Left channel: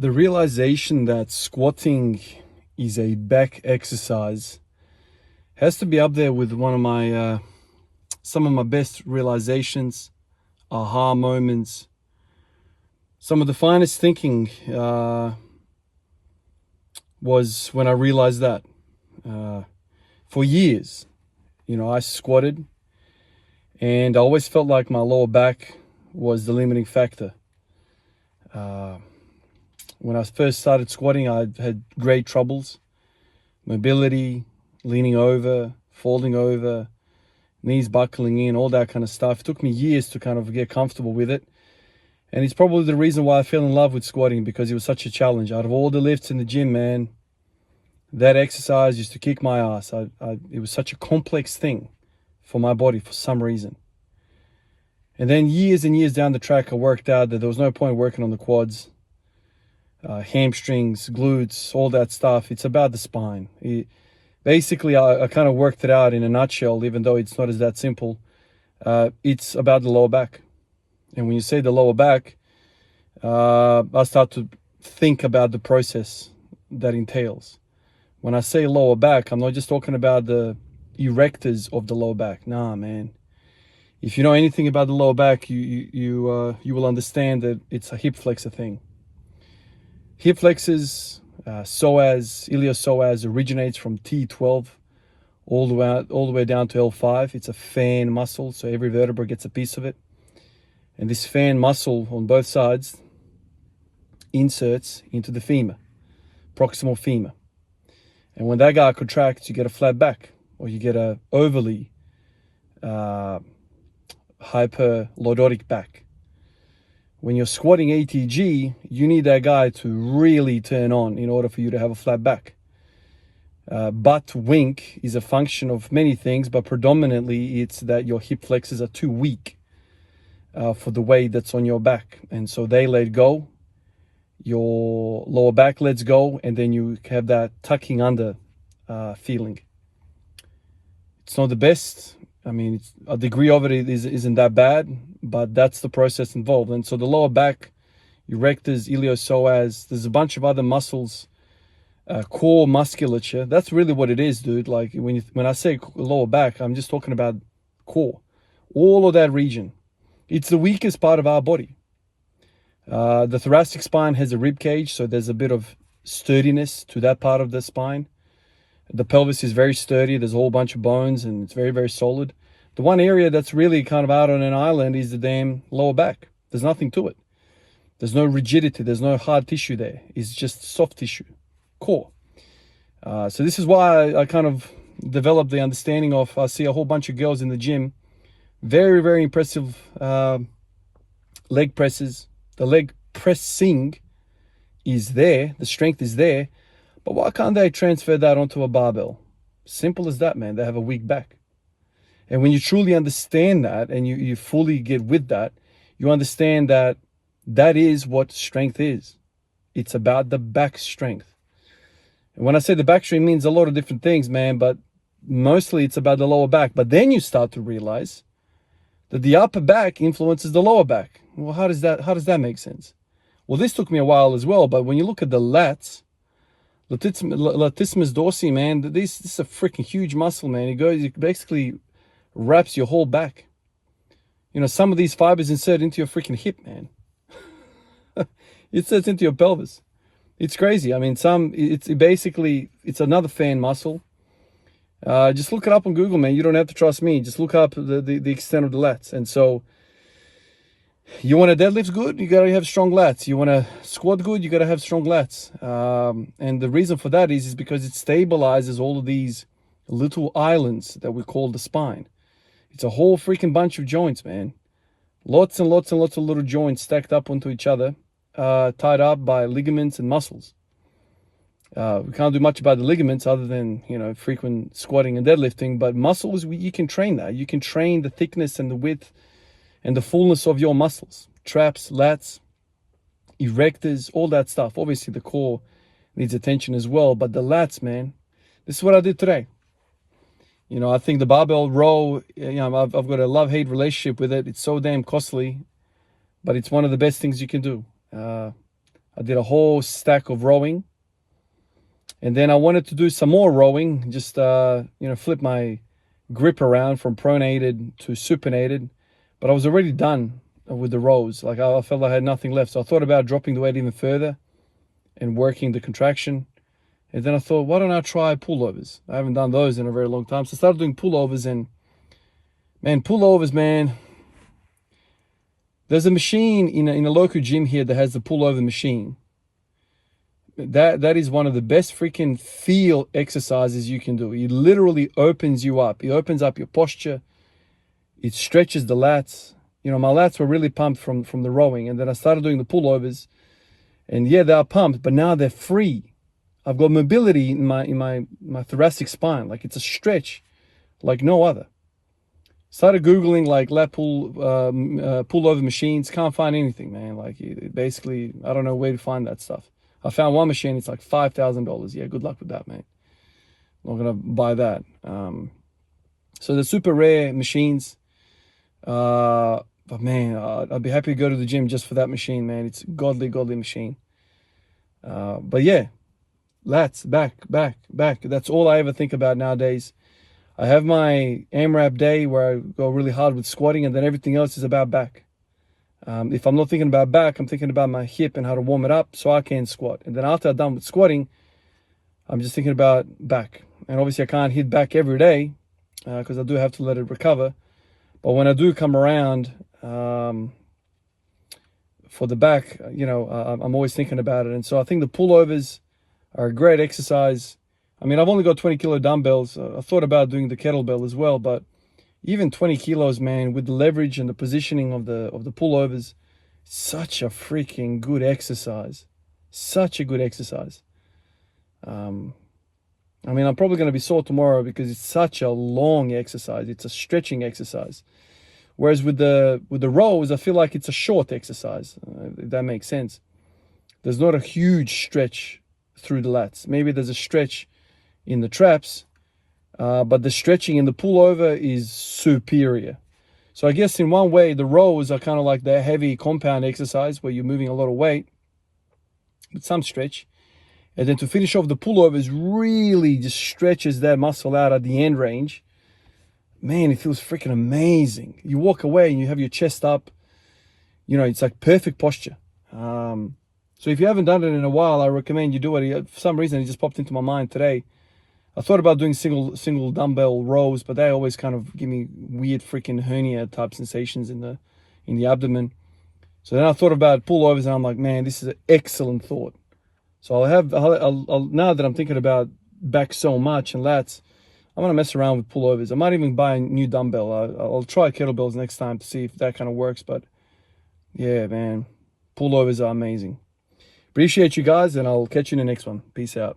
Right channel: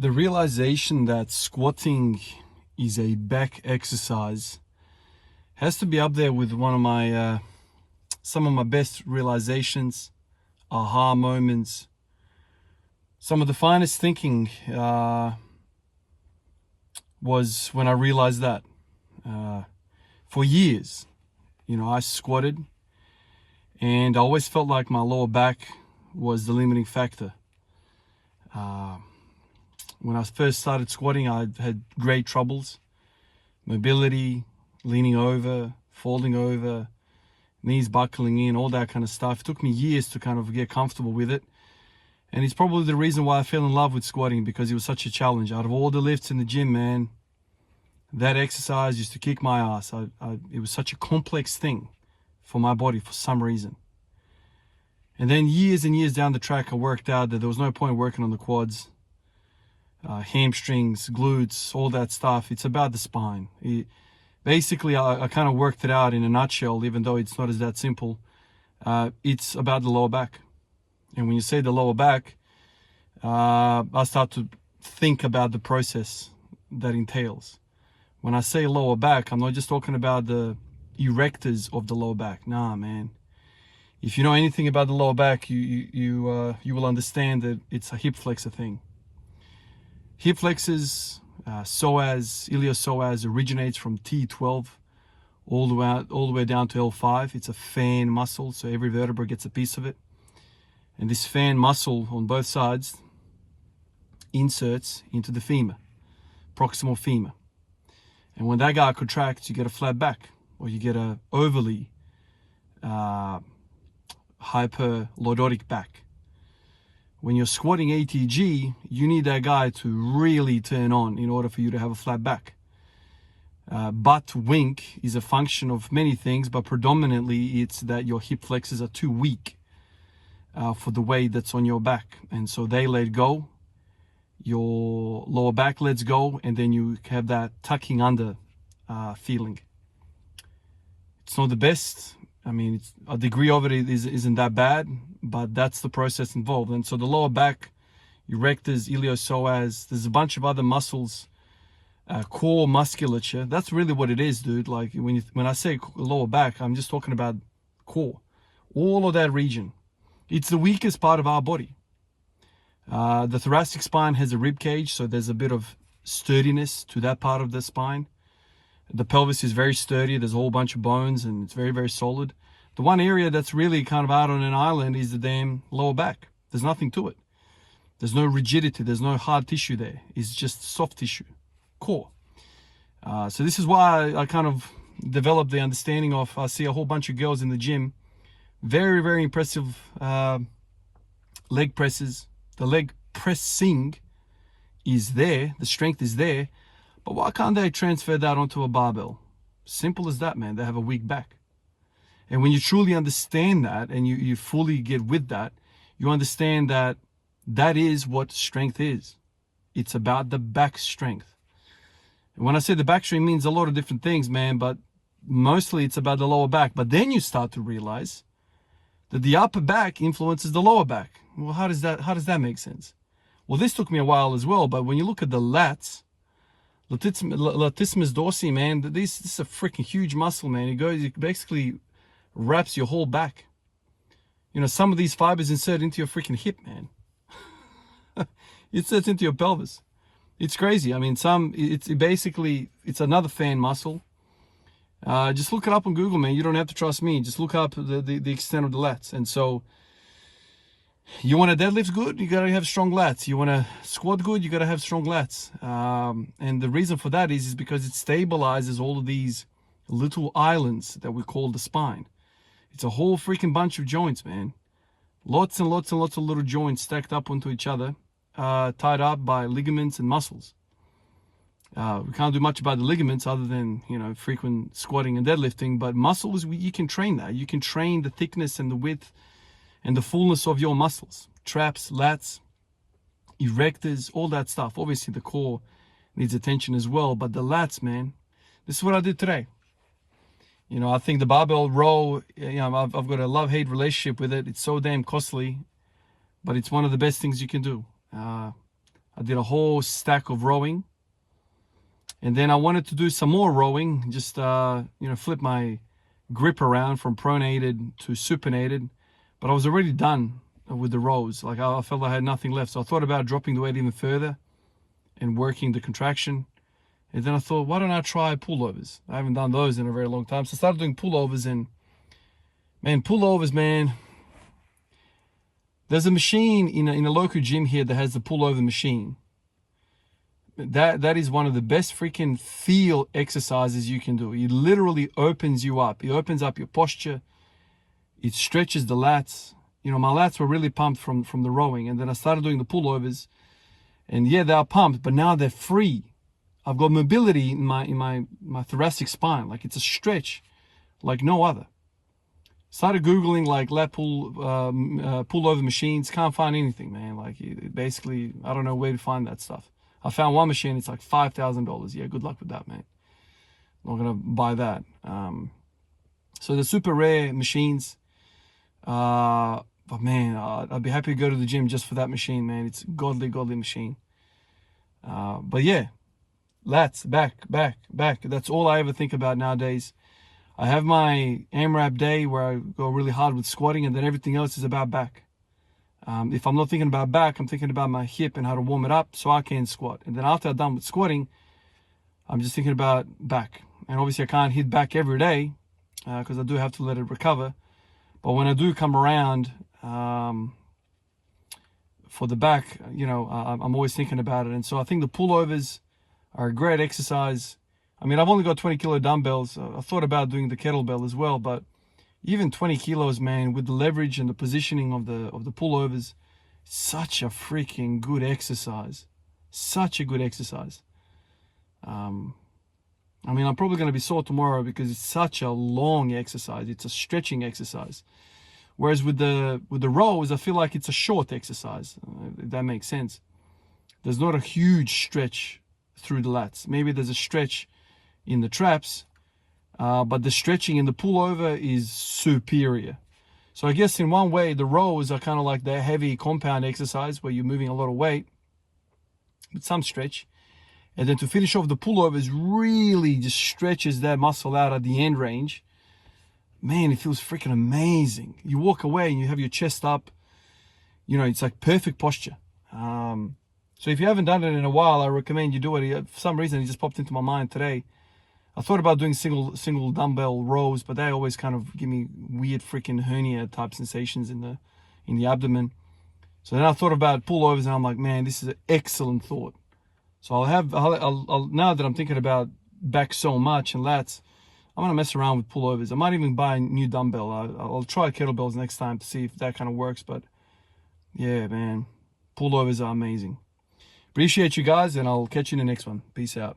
The realization that squatting is a back exercise has to be up there with one of my some of my best realizations, aha moments, some of the finest thinking was when I realized that. For years, I squatted and I always felt like my lower back was the limiting factor. When I first started squatting, I had great troubles. Mobility, leaning over, folding over, knees buckling in, all that kind of stuff. It took me years to kind of get comfortable with it. And it's probably the reason why I fell in love with squatting, because it was such a challenge. Out of all the lifts in the gym, man, that exercise used to kick my ass. It was such a complex thing for my body for some reason. And then years and years down the track, I worked out that there was no point working on the quads, hamstrings, glutes, all that stuff. It's about the spine. Basically, I kind of worked it out in a nutshell, even though it's not as that simple. It's about the lower back. And when you say the lower back, I start to think about the process that entails. When I say lower back, I'm not just talking about the erectors of the lower back. Nah, man. If you know anything about the lower back, you will understand that it's a hip flexor thing. Hip flexors, psoas, iliopsoas originates from T12 all the way down to L5. It's a fan muscle, so every vertebra gets a piece of it. And this fan muscle on both sides inserts into the femur, proximal femur. And when that guy contracts, you get a flat back, or you get a overly hyperlordotic back. When you're squatting ATG, you need that guy to really turn on in order for you to have a flat back. Butt wink is a function of many things, but predominantly it's that your hip flexors are too weak for the weight that's on your back. And so they let go, your lower back lets go, and then you have that tucking under feeling. It's not the best. I mean, a degree of it isn't that bad, but that's the process involved. And so the lower back, erectors, iliopsoas, there's a bunch of other muscles, core musculature. That's really what it is, dude. Like when I say lower back, I'm just talking about core, all of that region. It's the weakest part of our body. The thoracic spine has a rib cage, so there's a bit of sturdiness to that part of the spine. The pelvis is very sturdy. There's a whole bunch of bones, and it's very, very solid. The one area that's really kind of out on an island is the damn lower back. There's nothing to it. There's no rigidity. There's no hard tissue there. It's just soft tissue, core. So this is why I kind of developed the understanding of, I see a whole bunch of girls in the gym, very, very impressive leg presses. The leg pressing is there. The strength is there. But why can't they transfer that onto a barbell? Simple as that, man. They have a weak back. And when you truly understand that, and you fully get with that, you understand that that is what strength is. It's about the back strength. And when I say the back strength, means a lot of different things, man, but mostly it's about the lower back. But then you start to realize that the upper back influences the lower back. Well, how does that make sense? Well, this took me a while as well, but when you look at the lats, latissimus dorsi, man, this is a freaking huge muscle, man. It basically wraps your whole back. Some of these fibers insert into your freaking hip, man. It inserts into your pelvis. It's crazy. I mean, it's another fan muscle. Just look it up on Google, man. You don't have to trust me. Just look up the extent of the lats. And so you want to deadlift good, you got to have strong lats. You want to squat good, you got to have strong lats. And the reason for that is because it stabilizes all of these little islands that we call the spine. It's a whole freaking bunch of joints, man. Lots and lots and lots of little joints stacked up onto each other, tied up by ligaments and muscles. We can't do much about the ligaments other than, frequent squatting and deadlifting, but muscles, you can train that. You can train the thickness and the width and the fullness of your muscles, traps, lats, erectors, all that stuff. Obviously, the core needs attention as well, but the lats, man, this is what I did today. I think the barbell row, I've got a love-hate relationship with it. It's so damn costly, but it's one of the best things you can do. I did a whole stack of rowing. And then I wanted to do some more rowing, just, flip my grip around from pronated to supinated. But I was already done with the rows. Like I felt I had nothing left. So I thought about dropping the weight even further and working the contraction. And then I thought, why don't I try pullovers? I haven't done those in a very long time. So I started doing pullovers, and man, pullovers, man. There's a machine in a local gym here that has the pullover machine. That is one of the best freaking feel exercises you can do. It literally opens you up. It opens up your posture. It stretches the lats. You know, my lats were really pumped from the rowing, and then I started doing the pullovers, and yeah, they are pumped, but now they're free. I've got mobility in my thoracic spine. Like, it's a stretch like no other. Started Googling like lat pullover machines. Can't find anything, man. Like, basically, I don't know where to find that stuff. I found one machine. It's like $5,000. Yeah, good luck with that, man. Not gonna buy that. So the super rare machines. But man, I'd be happy to go to the gym just for that machine, man. It's a godly machine. But yeah, lats, back. That's all I ever think about nowadays. I have my AMRAP day where I go really hard with squatting, and then everything else is about back. If I'm not thinking about back, I'm thinking about my hip and how to warm it up so I can squat. And then after I'm done with squatting, I'm just thinking about back. And obviously I can't hit back every day because I do have to let it recover. But when I do come around for the back, I'm always thinking about it. And so I think the pullovers are a great exercise. I mean, I've only got 20 kilo dumbbells. I thought about doing the kettlebell as well, but even 20 kilos, man, with the leverage and the positioning of the pullovers, such a freaking good exercise. Such a good exercise. I mean, I'm probably going to be sore tomorrow because it's such a long exercise. It's a stretching exercise. Whereas with the rows, I feel like it's a short exercise, if that makes sense. There's not a huge stretch through the lats. Maybe there's a stretch in the traps, but the stretching in the pullover is superior. So I guess in one way, the rows are kind of like the heavy compound exercise where you're moving a lot of weight with some stretch. And then to finish off, the pullovers really just stretches that muscle out at the end range. Man, it feels freaking amazing. You walk away and you have your chest up. It's like perfect posture. So if you haven't done it in a while, I recommend you do it. For some reason, it just popped into my mind today. I thought about doing single dumbbell rows, but they always kind of give me weird freaking hernia type sensations in the abdomen. So then I thought about pullovers, and I'm like, man, this is an excellent thought. So I'll now that I'm thinking about back so much and lats, I'm gonna mess around with pullovers. I might even buy a new dumbbell. I'll try kettlebells next time to see if that kind of works. But yeah, man, pullovers are amazing. Appreciate you guys, and I'll catch you in the next one. Peace out.